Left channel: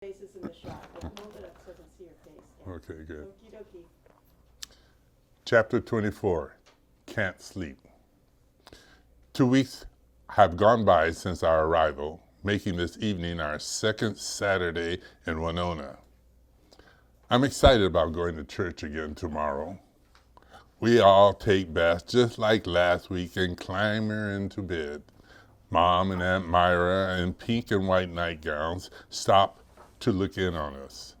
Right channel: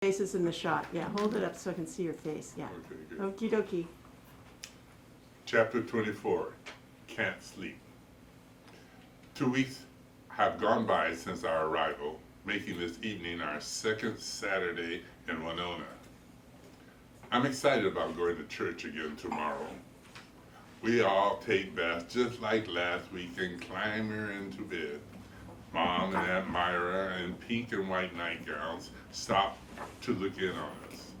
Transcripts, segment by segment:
Faces in the shot. Yeah, hold it up so I can see your face. Yeah. Okay, good. Okie dokie. Chapter 24, Can't Sleep. 2 weeks have gone by since our arrival, making this evening our second Saturday in Winona. I'm excited about going to church again tomorrow. We all take baths just like last week and clamber into bed. Mom and Aunt Myra in pink and white nightgowns stop to look in on us.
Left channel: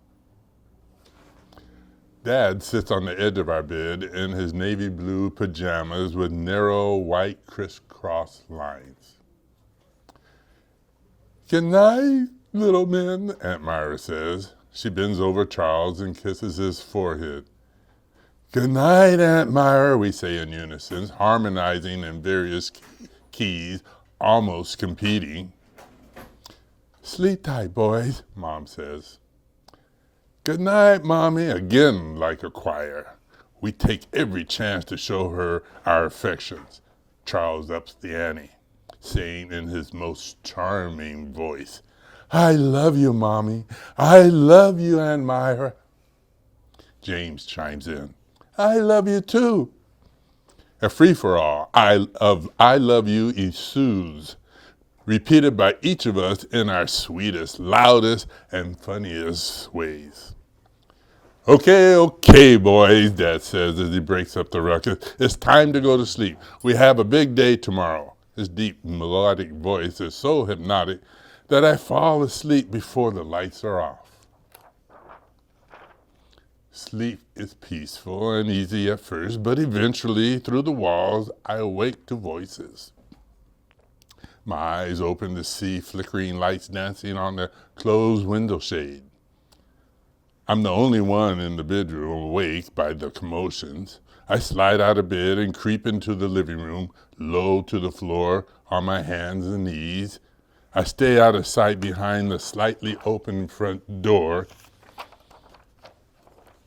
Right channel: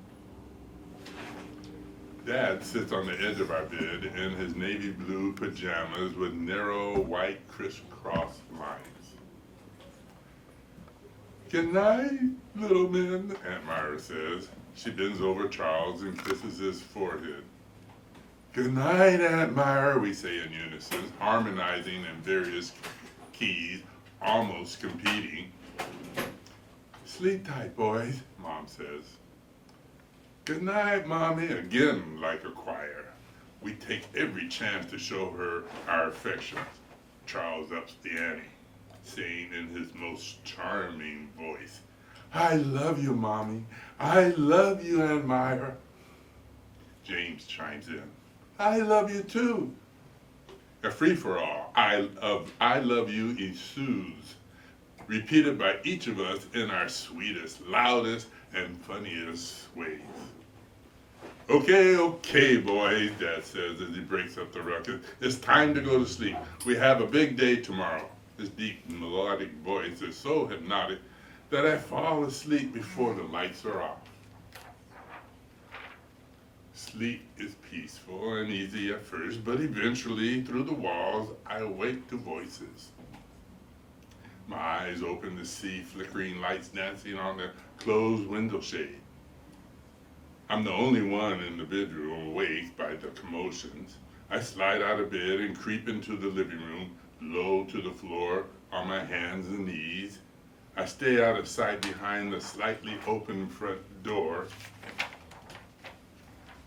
Dad sits on the edge of our bed in his navy blue pajamas with narrow white crisscross lines. "Good night, little men," Aunt Myra says. She bends over Charles and kisses his forehead. "Good night, Aunt Myra," we say in unison, harmonizing in various keys, almost competing. "Sleep tight, boys," Mom says. "Good night, Mommy," again like a choir. We take every chance to show her our affections. Charles ups the ante, saying in his most charming voice, "I love you, Mommy. I love you, Aunt Myra." James chimes in, "I love you too." A free-for-all, I love you ensues, repeated by each of us in our sweetest, loudest, and funniest ways. Okay, boys," Dad says as he breaks up the ruckus. "It's time to go to sleep. We have a big day tomorrow." His deep, melodic voice is so hypnotic that I fall asleep before the lights are off. Sleep is peaceful and easy at first, but eventually, through the walls, I awake to voices. My eyes open to see flickering lights dancing on the closed window shade. I'm the only one in the bedroom awake by the commotions. I slide out of bed and creep into the living room, low to the floor, on my hands and knees. I stay out of sight behind the slightly open front door.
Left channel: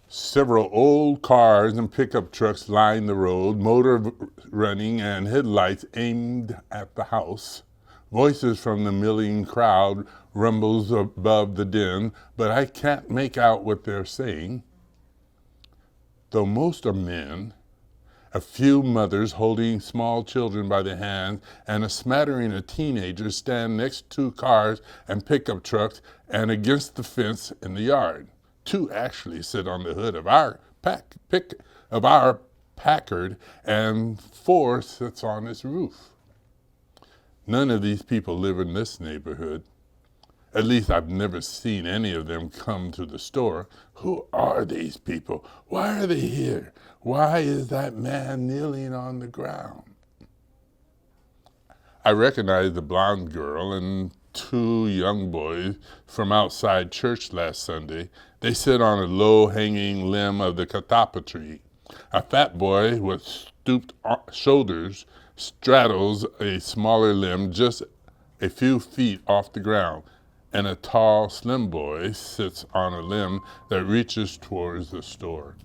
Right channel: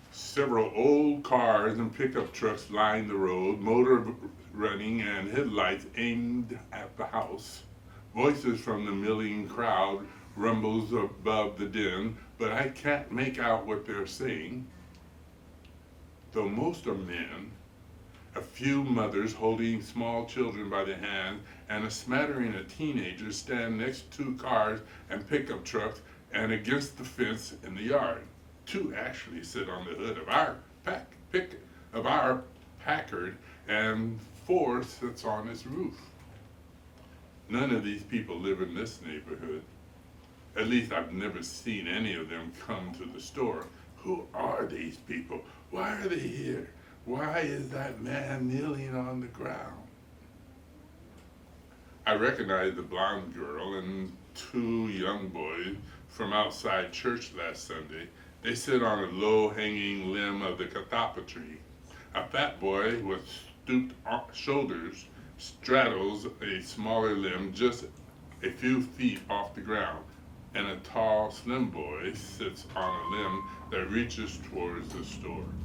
Several old cars and pickup trucks line the road, motor running and headlights aimed at the house. Voices from the milling crowd rumbles above the din, but I can't make out what they're saying. Though most are men, a few mothers holding small children by the hand, and a smattering of teenagers stand next to cars and pickup trucks and against the fence in the yard. 2 actually sit on the hood of our Packard, and 4 sits on its roof. None of these people live in this neighborhood. At least I've never seen any of them come to the store. Who are these people? Why are they here? Why is that man kneeling on the ground? I recognize the blonde girl and 2 young boys from outside church last Sunday. They sit on a low-hanging limb of the catappa tree. A fat boy with stooped shoulders straddles a smaller limb just a few feet off the ground, and a tall, slim boy sits on a limb that reaches towards the store.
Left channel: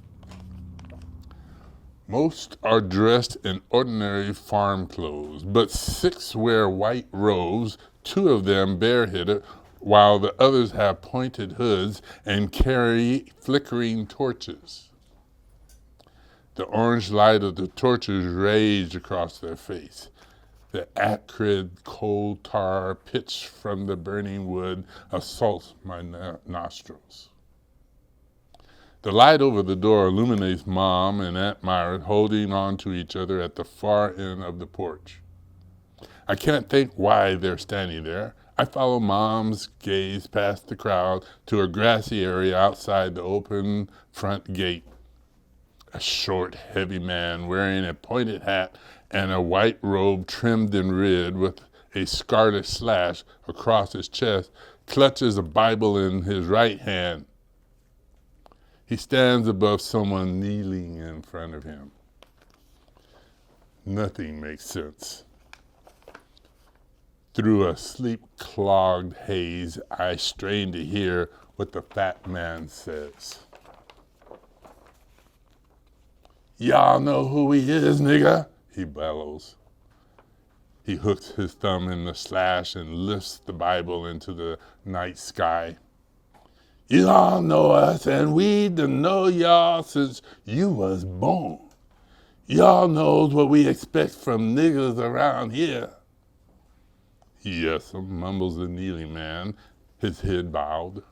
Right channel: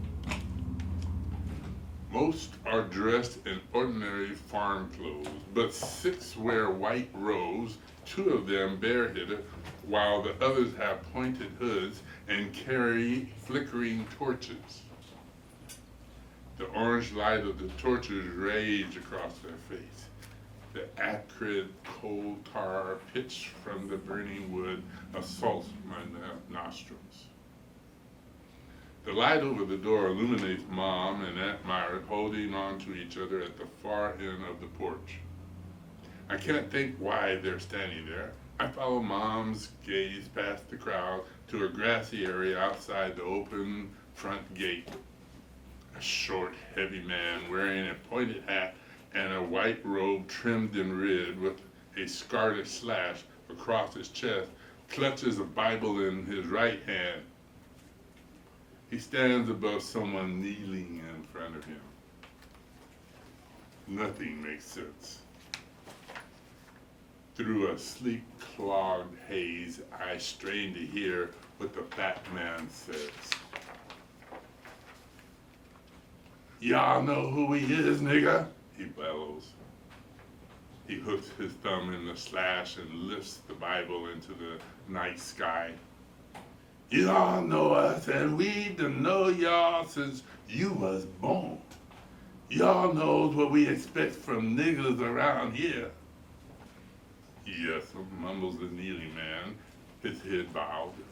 Most are dressed in ordinary farm clothes, but 6 wear white robes, 2 of them bareheaded, while the others have pointed hoods and carry flickering torches. The orange light of the torches rage across their face. The acrid coal tar pitch from the burning wood assaults my nostrils. The light over the door illuminates Mom and Aunt Myra holding on to each other at the far end of the porch. I can't think why they're standing there. I follow Mom's gaze past the crowd to a grassy area outside the open front gate. A short, heavy man wearing a pointed hat and a white robe trimmed in red with a scarlet slash across his chest clutches a Bible in his right hand. He stands above someone kneeling in front of him. Nothing makes sense. Through a sleep-clogged haze, I strain to hear what the fat man says. "Y'all know who he is, nigga," he bellows. He hooks his thumb in the slash and lifts the Bible into the night sky. You all know us, and we done know y'all since you was born. Y'all knows what we expect from niggas around here. Yes, mumbles the kneeling man, his head bowed.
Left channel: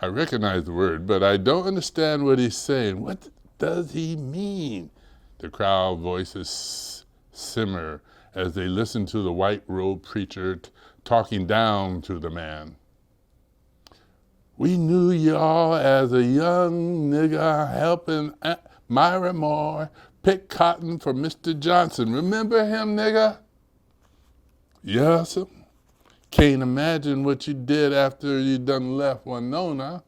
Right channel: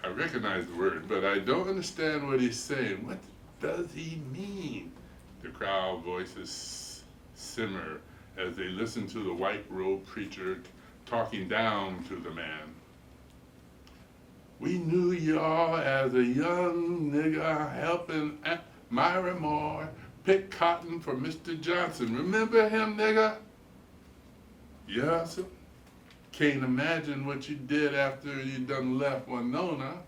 I recognize the word, but I don't understand what he's saying. What does he mean? The crowd voices simmer as they listen to the white-robed preacher talking down to the man. We knew y'all as a young nigga helping Aunt Myra Moore pick cotton for Mr. Johnson. Remember him, nigga? Yes, sir. Can't imagine what you did after you done left Winona.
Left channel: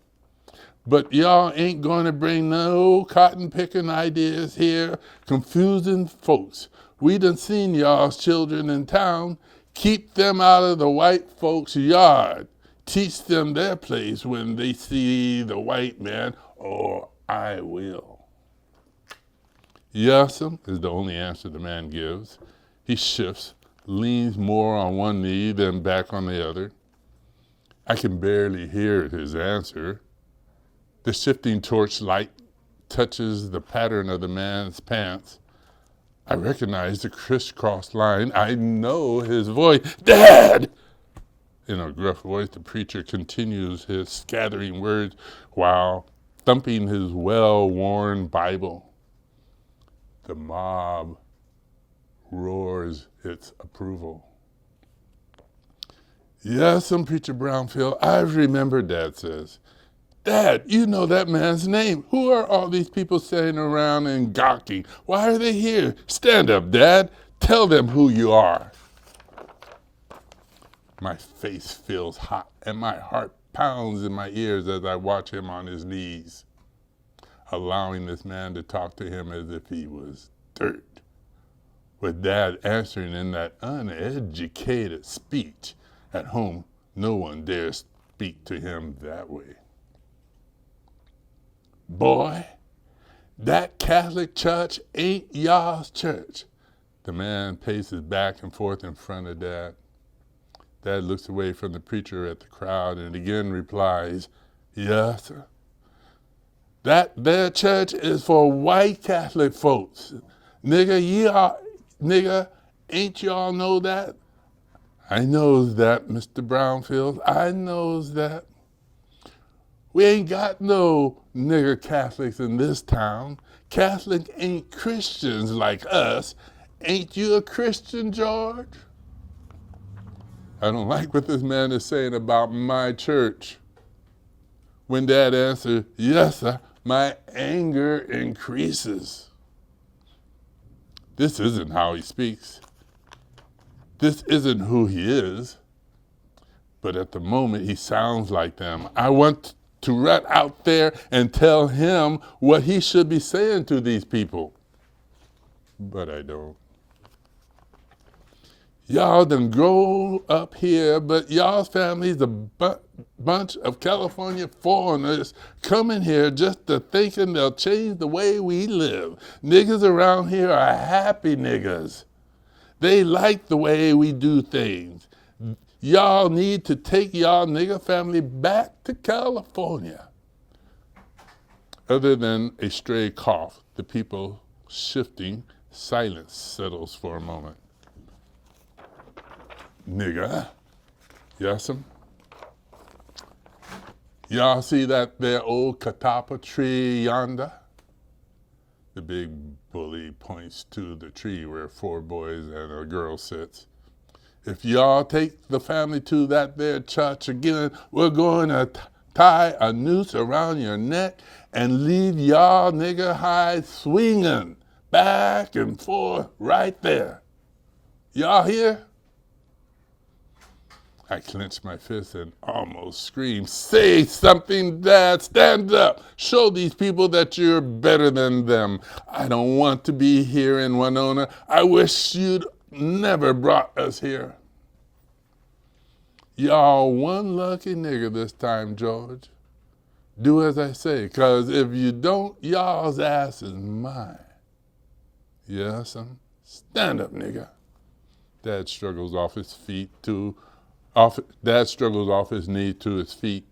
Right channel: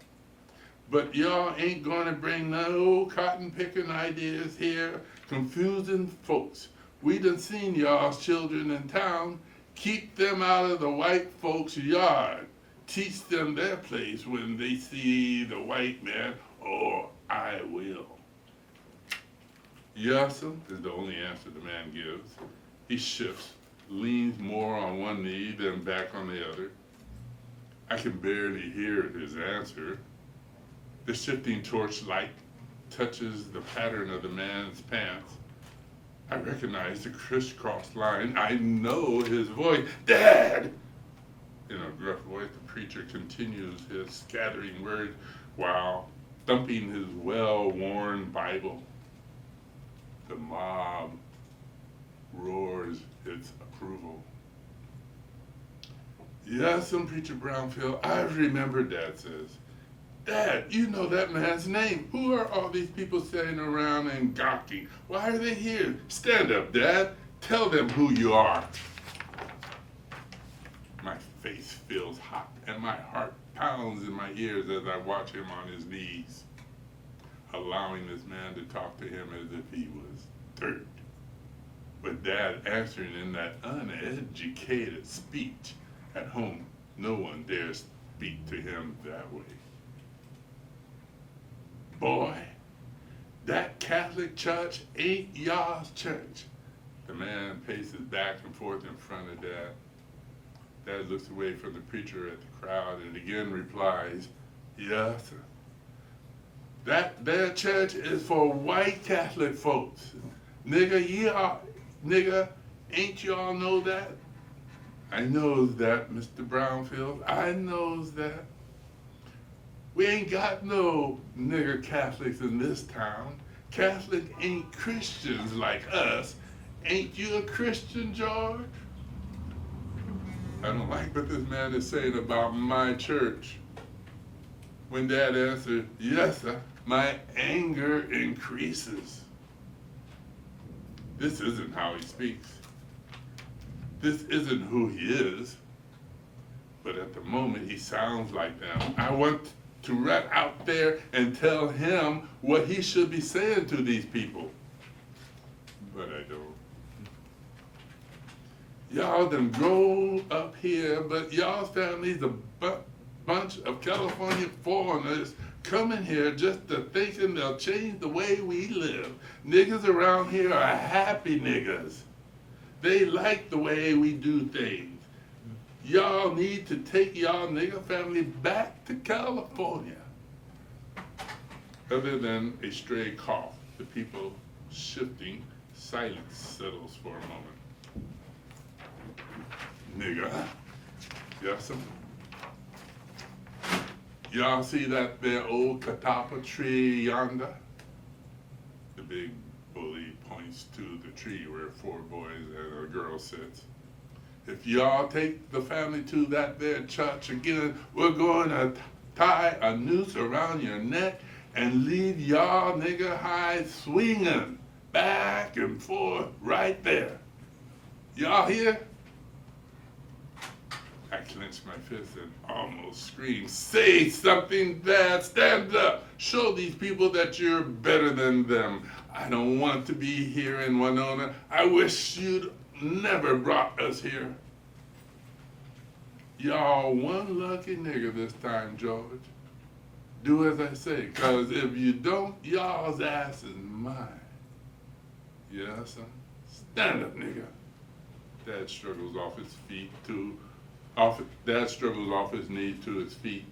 But y'all ain't gonna bring no cotton picking ideas here, confusing folks. We done seen y'all's children in town. Keep them out of the white folks' yard. Teach them their place when they see the white man, or I will. Yes'm, is the only answer the man gives. He shifts, leans more on one knee than back on the other. I can barely hear his answer. The shifting torchlight touches the pattern of the man's pants. I recognize the crisscross line. I know his voice. Dad! In a gruff voice, the preacher continues his scattering words while thumping his well-worn Bible. The mob roars its approval. Yes, Preacher Brownfield, I remember, Dad says. Dad, you know that man's name. Who are all these people sitting around and gawking? Why are they here? Stand up, Dad. Tell them who you are. My face feels hot and my heart pounds in my ears as I watch him on his knees, allowing this man to talk to him as if he was dirt, with Dad answering in that uneducated speech. At home, no one dares speak to him that way. Boy, that Catholic church ain't y'all's church. The man paces back and forth in front of Dad. Dad looks away from the preacher at the crowd and again replies, yes, sir. That their church is for white Catholic folks. Nigga, ain't y'all know that? I knows that, Mr. Brownfield. I knows that. We ain't got no nigger Catholics in this town. Catholics ain't Christians like us. Ain't you a Christian, George? I don't like what this man is saying about my church. When Dad answered, yes, sir, my anger increases. This isn't how he speaks. This isn't who he is. But at the moment, he sounds like them. I want to run out there and tell him what he should be saying to these people. But I don't. Y'all done grow up here, but y'all's family's a bunch of California foreigners coming here just to thinking they'll change the way we live. Niggas around here are happy niggas. They like the way we do things. Y'all need to take y'all nigger family back to California. Other than a stray cough, the people shifting, silence settles for a moment. Nigga, yes'm. Y'all see that there old catappa tree yonder? The big bully points to the tree where 4 boys and a girl sits. If y'all take the family to that there church again, we're going to tie a noose around your neck and leave y'all nigger hides swinging back and forth right there. Y'all hear? I clench my fist and almost scream, say something, Dad, stand up. Show these people that you're better than them. I don't want to be here in Winona. I wish you'd never brought us here. Y'all one lucky nigger this time, George. Do as I say, 'cause if you don't, y'all's ass is mine. Yes, son. Stand up, nigga. Dad struggles off his knee to his feet.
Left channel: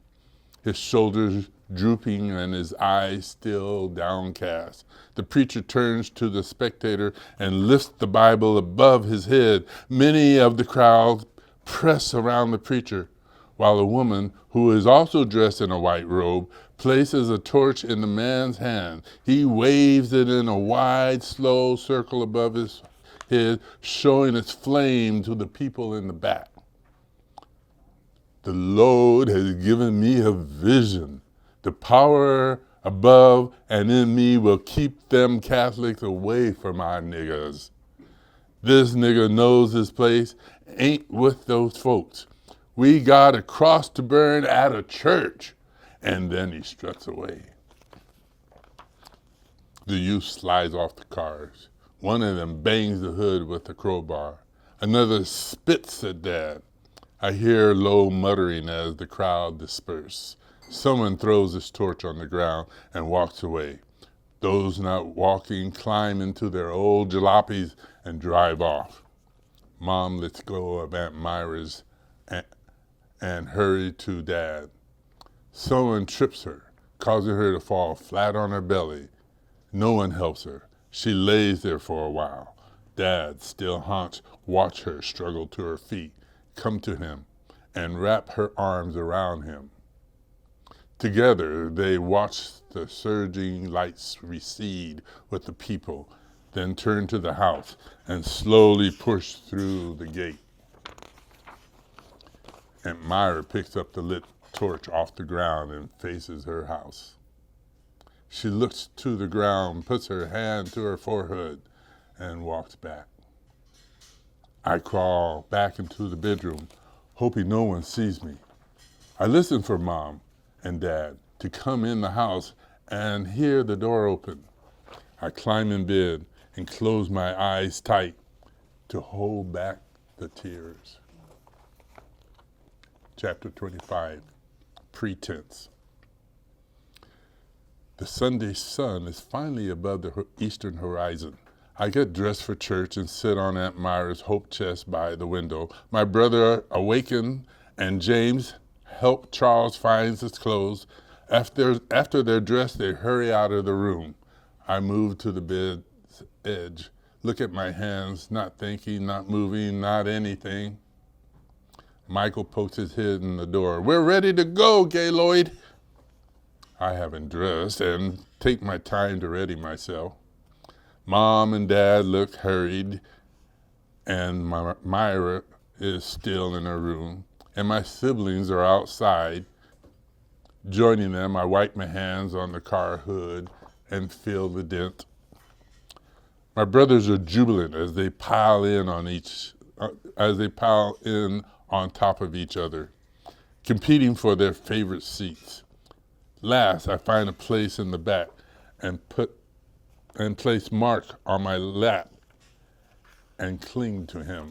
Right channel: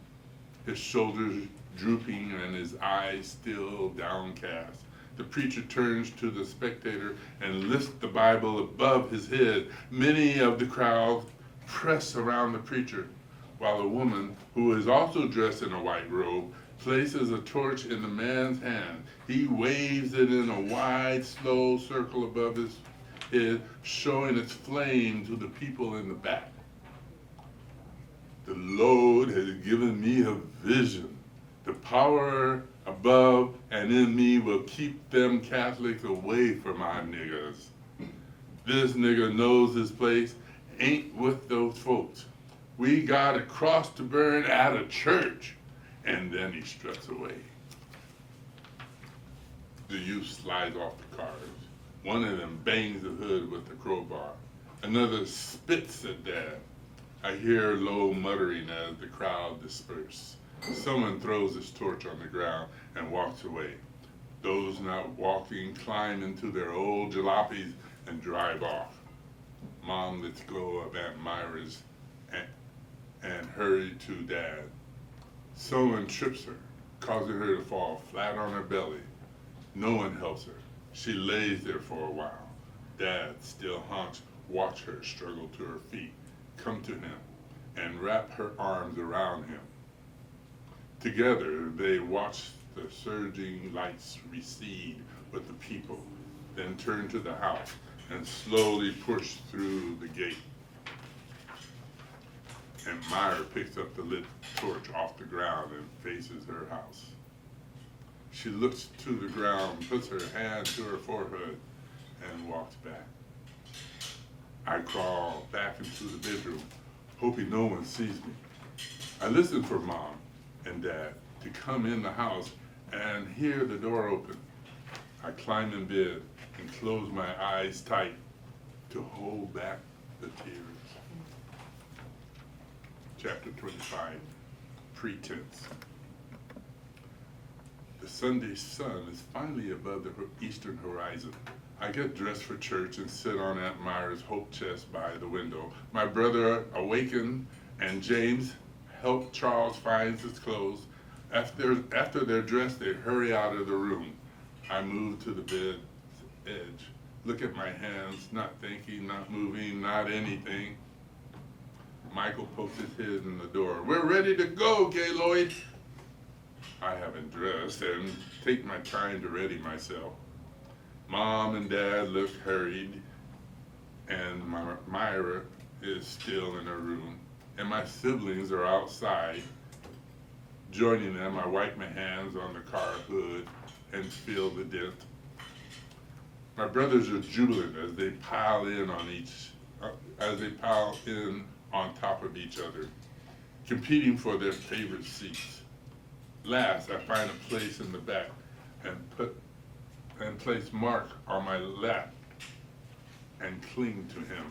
his shoulders drooping and his eyes still downcast. The preacher turns to the spectator and lifts the Bible above his head. Many of the crowd press around the preacher, while a woman, who is also dressed in a white robe, places a torch in the man's hand. He waves it in a wide, slow circle above his head, showing its flame to the people in the back. The Lord has given me a vision. The power above and in me will keep them Catholics away from our niggas. This nigga knows his place, ain't with those folks. We got a cross to burn at a church. And then he struts away. The youth slides off the cars. One of them bangs the hood with a crowbar. Another spits at Dad. I hear low muttering as the crowd disperse. Someone throws his torch on the ground and walks away. Those not walking climb into their old jalopies and drive off. Mom lets go of Aunt Myra's and hurry to Dad. Someone trips her, causing her to fall flat on her belly. No one helps her. She lays there for a while. Dad, still hunched, watch her struggle to her feet, come to him, and wrap her arms around him. Together, they watch the surging lights recede with the people, then turn to the house and slowly push through the gate. Aunt Myra picks up the lit torch off the ground and faces her house. She looks to the ground, puts her hand to her forehead, and walks back. I crawl back into the bedroom, hoping no one sees me. I listen for Mom and Dad to come in the house and hear the door open. I climb in bed and close my eyes tight to hold back the tears. Chapter 25, Pretense. The Sunday sun is finally above the eastern horizon. I get dressed for church and sit on Aunt Myra's hope chest by the window. My brother awakened and James help Charles find his clothes. After they're dressed, they hurry out of the room. I move to the bed's edge, look at my hands, not thinking, not moving, not anything. Michael pokes his head in the door. We're ready to go, Gaylord. I haven't dressed and take my time to ready myself. Mom and Dad look hurried, and Myra is still in her room, and my siblings are outside. Joining them, I wipe my hands on the car hood and feel the dent. My brothers are jubilant as they pile in on top of each other, competing for their favorite seats. Last, I find a place in the back and place Mark on my lap and cling to him.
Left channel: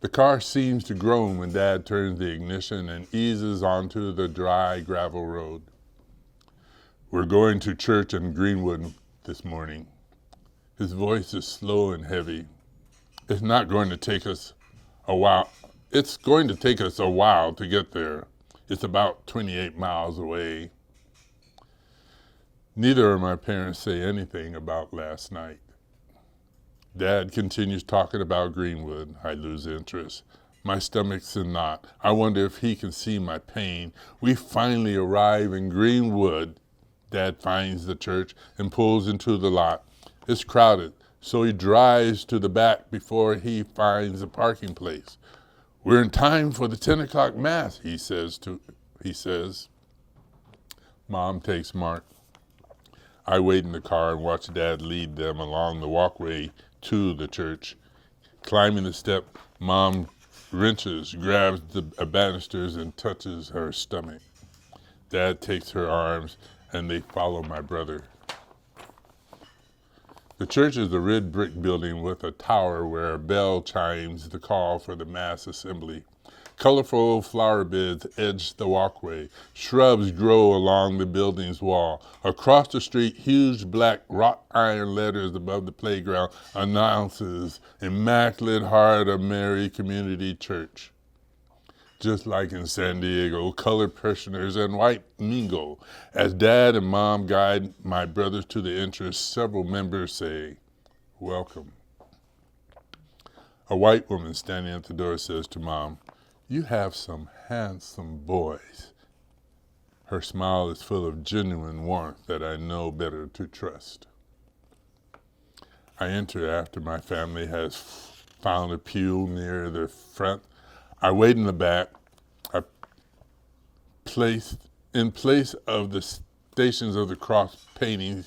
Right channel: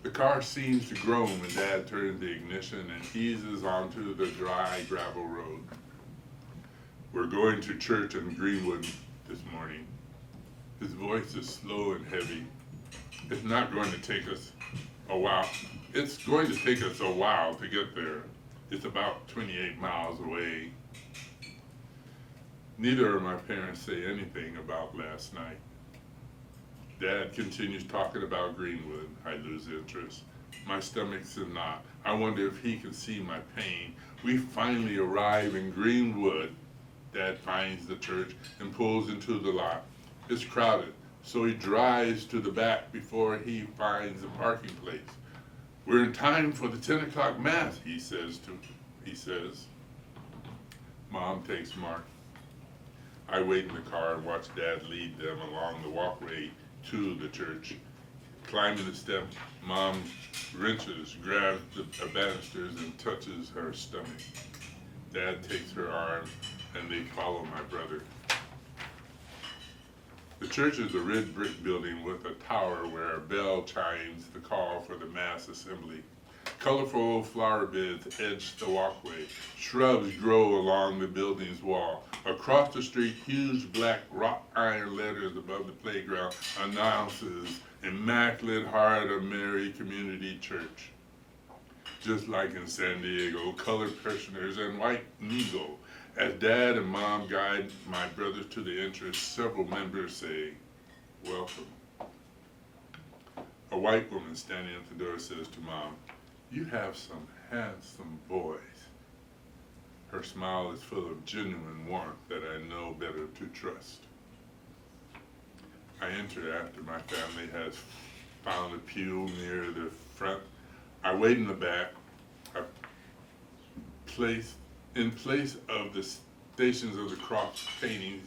The car seems to groan when Dad turns the ignition and eases onto the dry gravel road. We're going to church in Greenwood this morning. His voice is slow and heavy. It's going to take us a while to get there. It's about 28 miles away. Neither of my parents say anything about last night. Dad continues talking about Greenwood. I lose interest. My stomach's in knot. I wonder if he can see my pain. We finally arrive in Greenwood. Dad finds the church and pulls into the lot. It's crowded, so he drives to the back before he finds a parking place. We're in time for the 10 o'clock mass, he says. Mom takes Mark. I wait in the car and watch Dad lead them along the walkway to the church. Climbing the step, Mom wrenches, grabs the banisters, and touches her stomach. Dad takes her arms, and they follow my brother. The church is a red brick building with a tower where a bell chimes the call for the mass assembly. Colorful flower beds edge the walkway. Shrubs grow along the building's wall. Across the street, huge black wrought iron letters above the playground announces Immaculate Heart of Mary Community Church. just like in San Diego, colored parishioners and white mingle. As Dad and Mom guide my brothers to the entrance, several members say, "Welcome." A white woman standing at the door says to Mom, "You have some handsome boys." Her smile is full of genuine warmth that I know better to trust. I enter after my family has found a pew near the front. I wait in the back. In place of the Stations of the Cross paintings,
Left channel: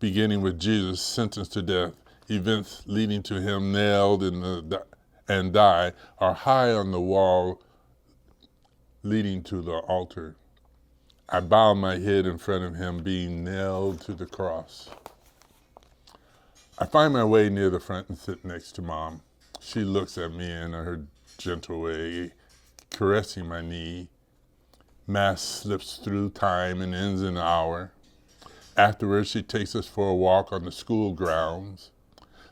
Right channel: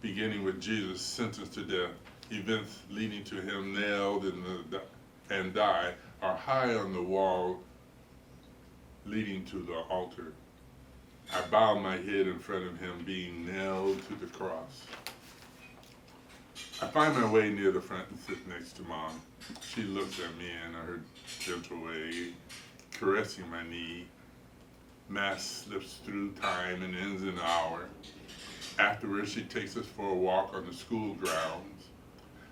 beginning with Jesus sentenced to death, events leading to him nailed and die are high on the wall leading to the altar. I bow my head in front of him being nailed to the cross. I find my way near the front and sit next to Mom. She looks at me in her gentle way, caressing my knee. Mass slips through time and ends in an hour. Afterwards, she takes us for a walk on the school grounds.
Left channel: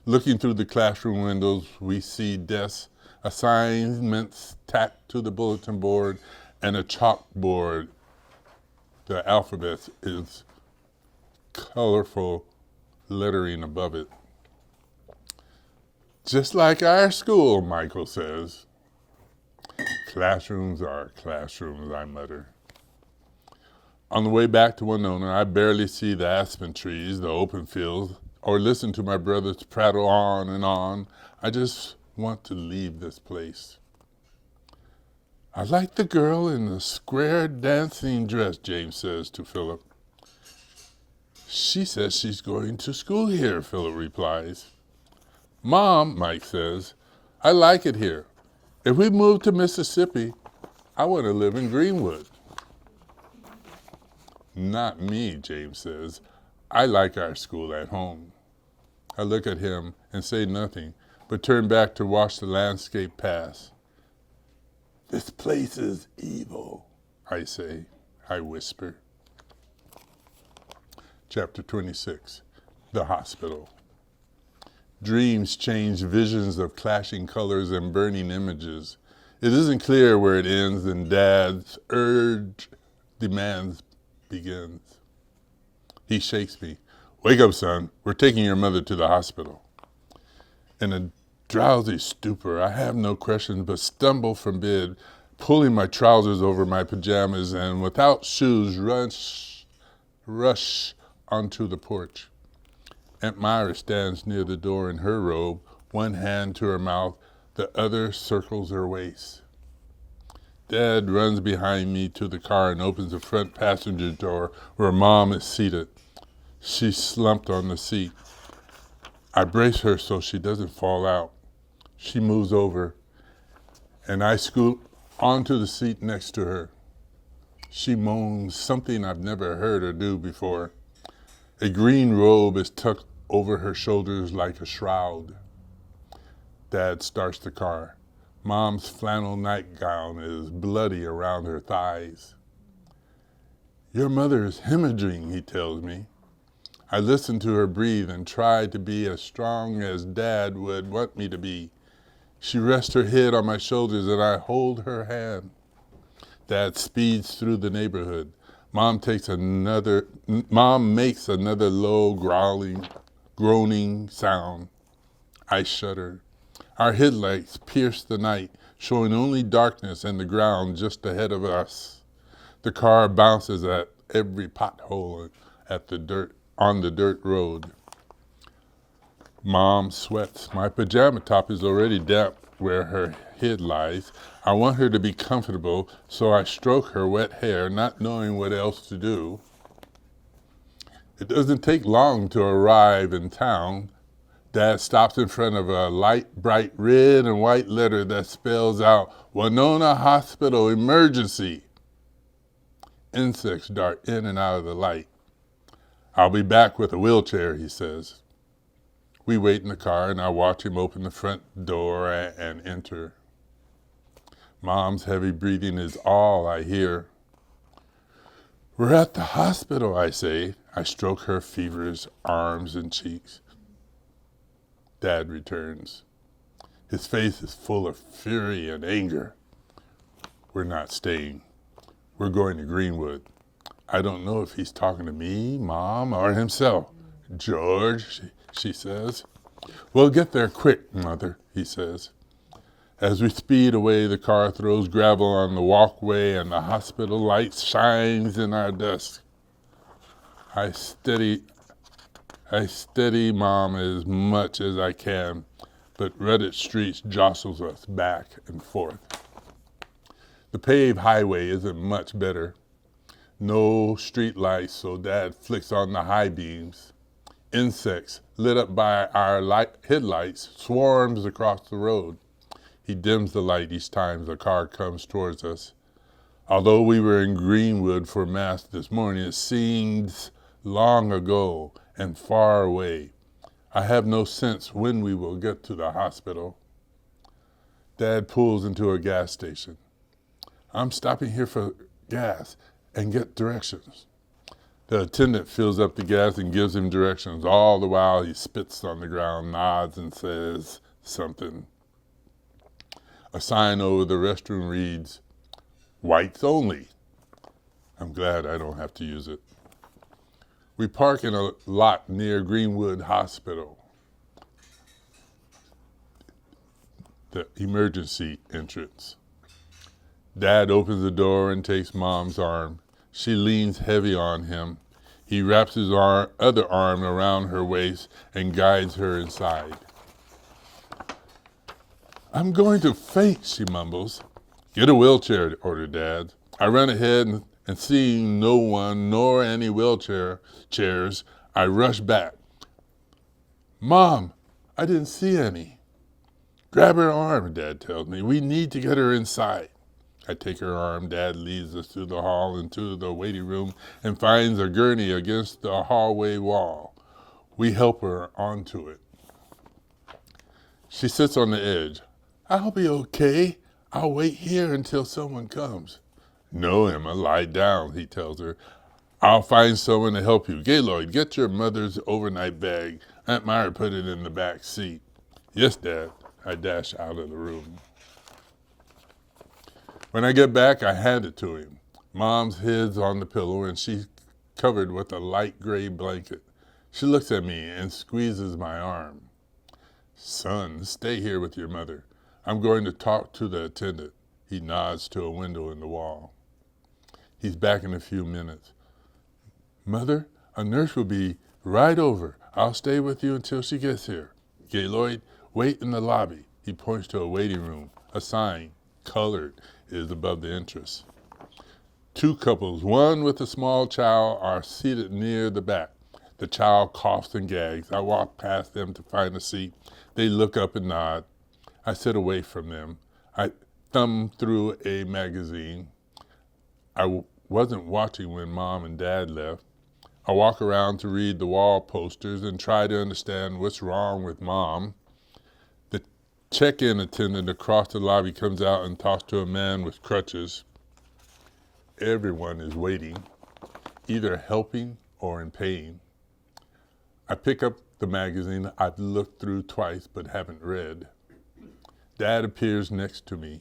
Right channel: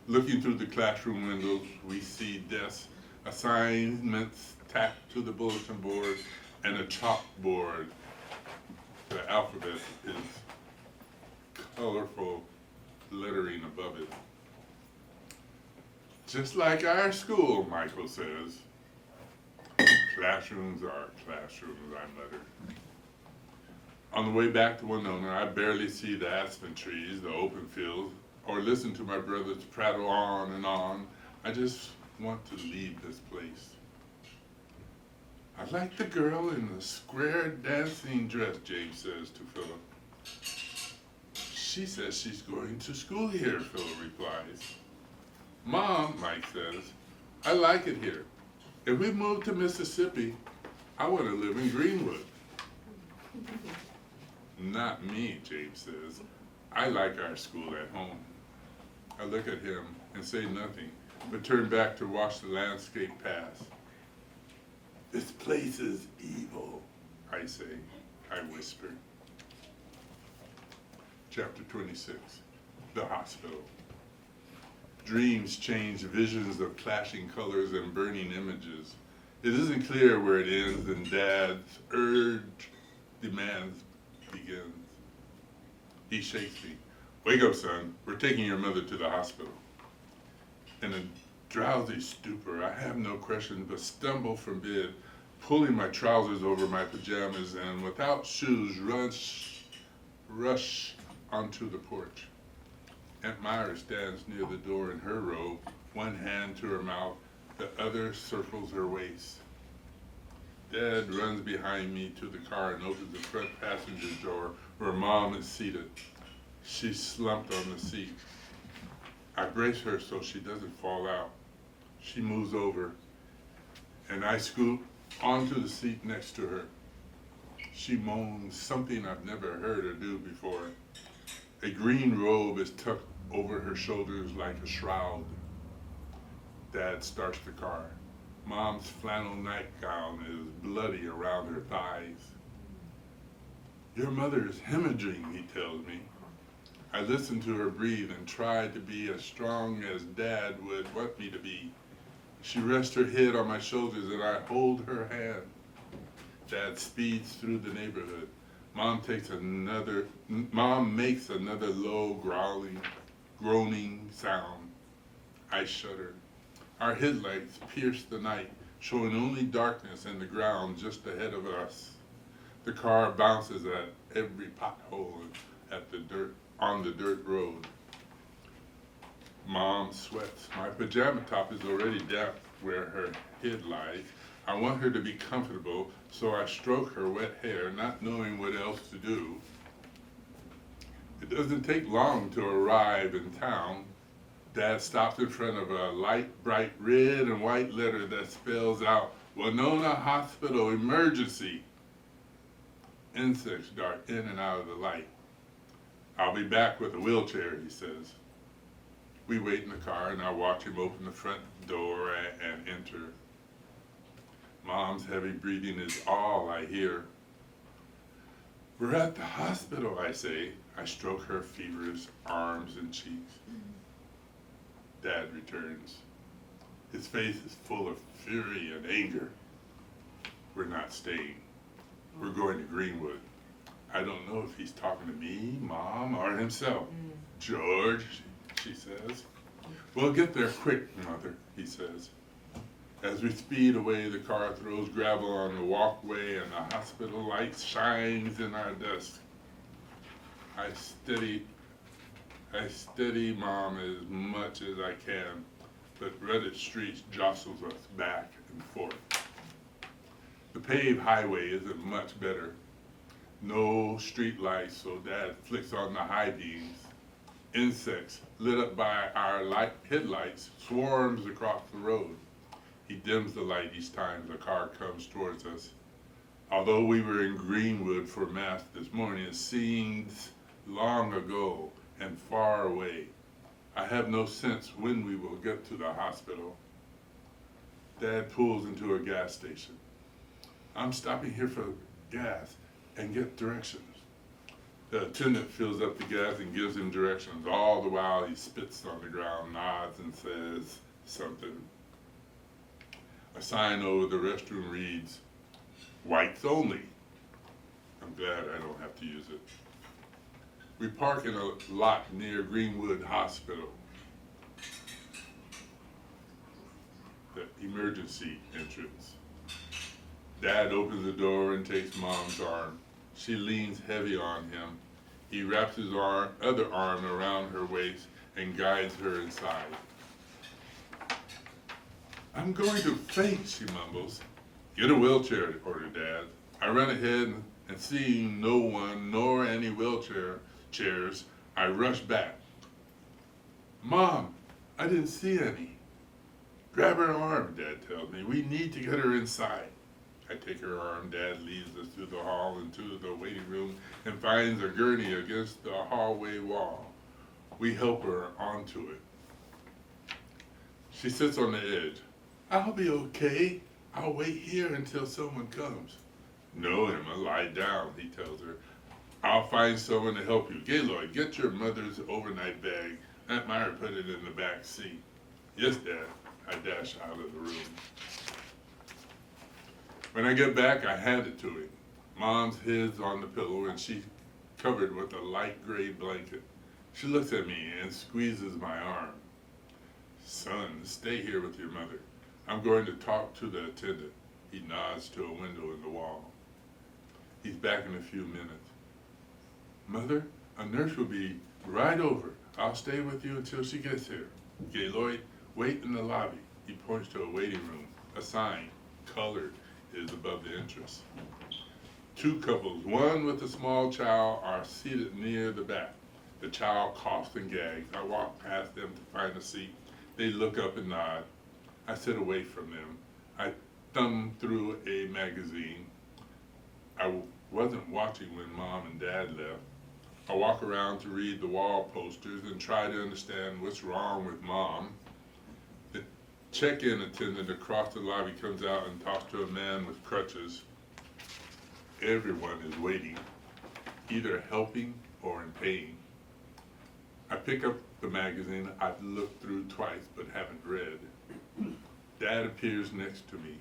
Looking through the classroom windows, we see desks, assignments tacked to the bulletin board, and a chalkboard. The alphabet is colorful lettering above it. "Just like our school," Michael says. "Classrooms are classrooms," I mutter. On the way back to Winona, I barely see the aspen trees, the open fields, or listen to my brothers prattle on and on. I just want to leave this place. "I like the girl in the square dancing dress," James says to Philip. "She says she's going to school here," Philip replies. "Mom," Mike says, "I like it here. If we move to Mississippi, I want to live in Greenwood." "Not me," James says. "I like our school at home." I look at him and say nothing, but turn back to watch the landscape pass. "This place is evil," I say. I whisper. Chapter 26, The Hospital. Dreams change visions of clashing colors and burning images. It isn't clear where it ends and Dad's demands begins. He shakes me. "Wake up, son. We're taking your mother to the hospital." In a drowsy stupor, I have no questions but stumble from bed, pulling my trousers over my pajamas, and without shoes rush onto the porch. Aunt Myra stands near the door in her robe, one hand to her mouth, the other circles her waist. Dad runs behind me to the car and opens the front passenger door where Mom is seated. She's slumped on the seat. I brace her so she doesn't fall out. She moves over, and I scoot onto the seat next to her. She moans something I've never heard her do before. A green robe is tucked over her shoulders like a shroud. Dad starts the car. Mom's flannel nightgown is bloody around her thighs. "Your mother is hemorrhaging," he tells me. I listen to her breathe and try to be as strong as Dad would want me to be. She rests her head on my shoulders and I hold her hand. Dad speeds through the neighborhood. Mom makes another low groaning sound. I shudder. Our headlights pierce the night, showing only darkness and the ground just ahead of us. The car bounces at every pothole on the dirt road. Mom sweats. My pajama top is already damp where her head lies. I want her to be comfortable, so I stroke her wet hair, not knowing what else to do. It doesn't take long to arrive in town. Dad stops in front of a light, bright red and white letter that spells out Winona Hospital Emergency. Insects dart in and out of the light. "I'll be back with a wheelchair," he says. We wait in the car and I watch him open the front door and enter. Mom's heavy breathing is all I hear. "We're at the hospital," I say. I stroke her feverish arms and cheeks. Dad returns. His face is full of fury and anger. We're not staying. We're going to Greenwood. I don't know if he's talking to me, Mom, or himself. George, she says. We'll get there quick, Mother, he says. As we speed away, the car throws gravel on the walkway and the hospital light shines in our dusk. I steady Mom as much as I can, but rutted streets jostles us back and forth. The paved highway isn't much better. No street lights, so Dad flicks on the high beams. Insects, lit up by our headlights, swarms across the road. He dims the light each time the car comes towards us. Although we were in Greenwood for Mass this morning, it seems long ago and far away. I have no sense when we will get to the hospital. Dad pulls into a gas station. I'm stopping here for gas and get directions. The attendant fills up the gas and gives him directions. All the while he spits on the ground, nods, and says something. A sign over the restroom reads, "Whites only." I'm glad I don't have to use it. We park in a lot near Greenwood Hospital, the emergency entrance. Dad opens the door and takes Mom's arm. She leans heavy on him. He wraps his other arm around her waist and guides her inside. I'm going to faint, she mumbles. Get a wheelchair, ordered Dad. I run ahead and seeing no one nor any chairs, I rush back. Mom, I didn't see any. Grab her arm, Dad tells me. We need to get her inside. I take her arm. Dad leads us through the hall into the waiting room and finds a gurney against the hallway wall. We help her onto it. She sits on the edge. I'll be okay. I'll wait here until someone comes. No, Emma, lie down, he tells her. I'll find someone to help you. Gaylord, get your mother's overnight bag. Aunt Myra put it in the back seat. Yes, Dad. I dash out of the room. When I get back, I hand it to him. Mom's head's on the pillow and she's covered with a light gray blanket. She looks at me and squeezes my arm. Son, stay here with your mother. I'm going to talk to the attendant. He nods to a window in the wall. He's back in a few minutes. Mother, a nurse will be right over. I'll stay with you until she gets here. Gaylord, wait in the lobby. He points to a waiting room. A sign, colored, is above the entrance. Two couples, one with a small child, are seated near the back. The child coughs and gags. I walk past them to find a seat. They look up and nod. I sit away from them. I thumb through a magazine. I wasn't watching when Mom and Dad left. I walk around to read the wall posters and try to understand what's wrong with Mom. The check-in attendant across the lobby comes out and talks to a man with crutches. Everyone is waiting, either helping or in pain. I pick up the magazine I've looked through twice but haven't read. Dad appears next to me.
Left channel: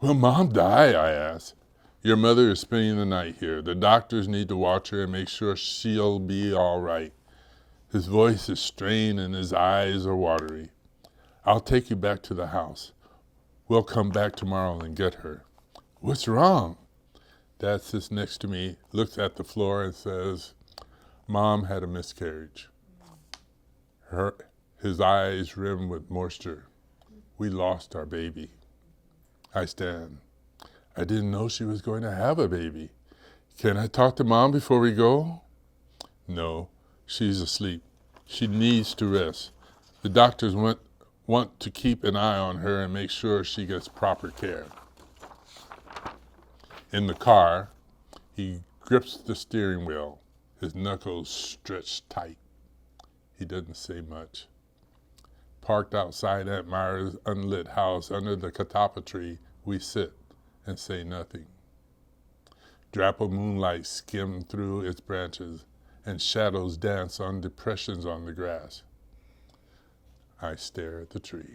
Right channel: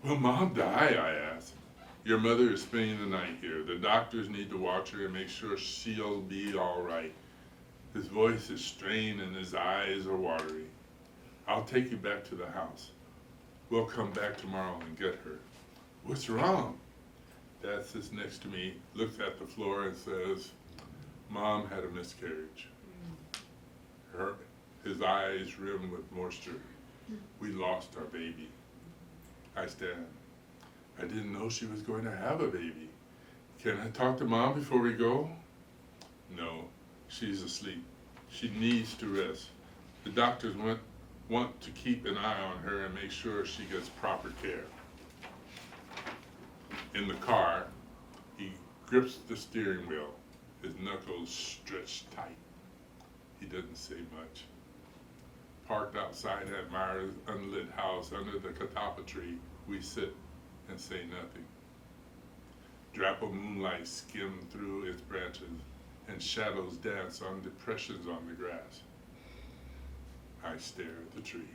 Will Mom die? I ask. Your mother is spending the night here. The doctors need to watch her and make sure she'll be all right. His voice is strained and his eyes are watery. I'll take you back to the house. We'll come back tomorrow and get her. What's wrong? Dad sits next to me, looks at the floor and says, Mom had a miscarriage. His eyes rim with moisture. We lost our baby. I stand. I didn't know she was going to have a baby. Can I talk to Mom before we go? No, she's asleep. She needs to rest. The doctors want to keep an eye on her and make sure she gets proper care. In the car, he grips the steering wheel, his knuckles stretched tight. He doesn't say much. Parked outside Aunt Myra's unlit house under the catalpa tree, we sit and say nothing. Drap of moonlight skim through its branches and shadows dance on depressions on the grass. I stare at the tree.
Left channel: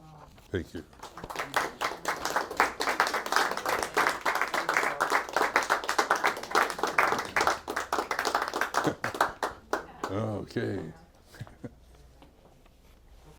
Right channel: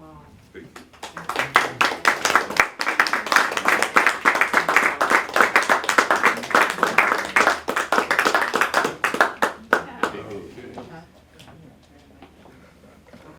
Wow. Thank you. Okay.